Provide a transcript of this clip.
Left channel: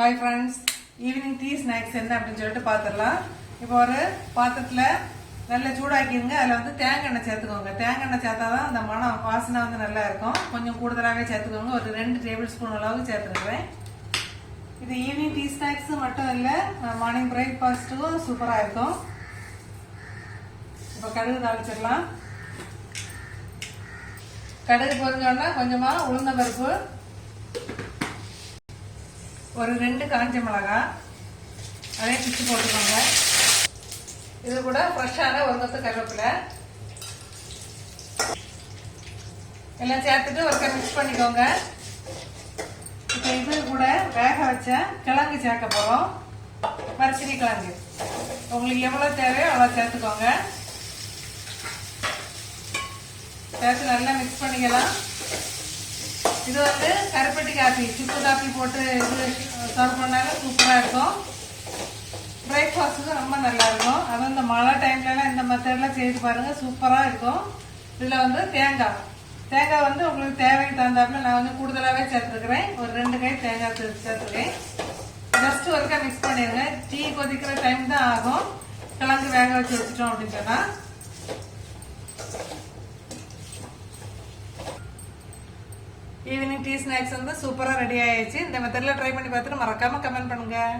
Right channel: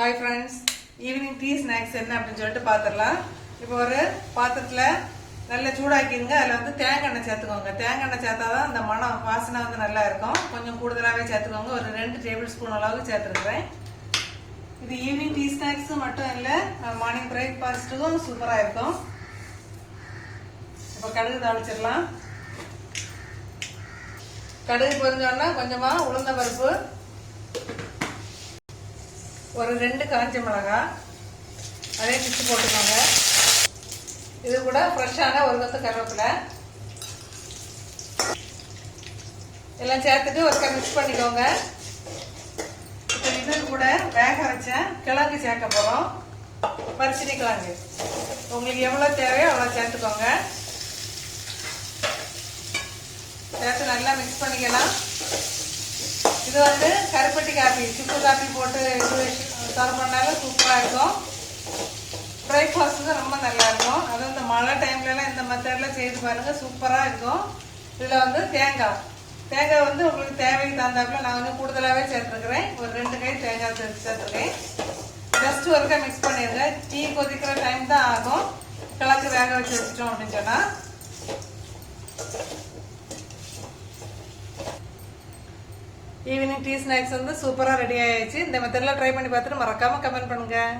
Hi friends, evening tea snacks என்ன அப்படின்னு சொல்லிட்டு பார்த்துடலாம். இப்போ ஒரு பாத்திரத்தில் நல்லா சூடாக்கிடுங்க. அதில் வந்து தேங்காய் எண்ணெய் சேர்த்துக்கோங்க. தேங்காய் எண்ணெய் சேர்த்தாதான் அந்த மனம் வாசனை வந்து நல்லா இருக்கும். கொஞ்சம் கூடுதலாகவே சேர்த்துக்கோங்க. ஒரு 2 டேபிள் ஸ்பூன் அளவுக்கு சேர்த்துருக்குறேன். இது ஈவினிங் டீ ஸ்நாக்ஸ் மட்டும் இல்லை, மார்னிங் பிரேக்ஃபாஸ்ட்டுக்கும் சூப்பராக இருக்கும். இப்போ கடுகு தாளிச்சிடலாம். கடுகு பொரிஞ்சோன்னா கொஞ்சமாக உளுந்த பருப்பு, ஒரு 2 காஞ்ச மிளகாய் அதே பிச்சு போட்டுக்கோங்க. இது கூட ஃப்ரெஷ்ஷான ஒரு கொத்து கருவேப்பிலை எல்லாம் சேர்த்துட்டு ஒரு மிக்ஸ் பண்ணிக்கோங்க. இப்போ இது கூட வேக வச்ச கிழங்கு சேர்க்க போகிறோம். பரிசீனி கிழங்கு உங்களுக்கு எவ்வளோ தேவையோ அவ்வளோ சேர்த்துக்கோங்க. சேர்த்து நல்லா மிக்ஸ் பண்ணிக்கலாம். இது வந்து கருப்பட்டி காப்பி, சுக்கு காப்பி போட்டு இது சர்வ் பண்ணாலும் சூப்பராக இருக்கும். பிரேக்ஃபாஸ்ட்டுக்கு ரொம்ப நல்லா இருக்கும். அதுவும் இந்த மழை டைம்லலாம் இந்த மெத்தட்லாம் செய்து பாருங்கள், சூப்பராக இருக்கும். இதில் வந்து தேங்காய் வந்து உங்களுக்கு தேவைக்கு தகுந்தாப்புல நான் வந்து கூடுதலாகவே சேர்த்துருக்குறேன். ஒரு 2 கை தேங்காய் சேர்த்துருக்கேன். ஜஸ்ட் ஒருக்கா மிக்ஸ் பண்ணிடுங்க. டீ கொதிக்கிற டைம் தான் ஆகும். கிழங்கு வேக வச்சு வச்சுட்டோம் அப்படின்னு சொன்னால். ஈவினிங் டீ ஸ்நாக்ஸ் வந்து சூப்பராக ரெடி ஆயிடுச்சு. இந்த மெத்தடில் ட்ரை பண்ணி பார்த்துட்டு மறக்காமல் கமெண்ட் பண்ணுங்கள்.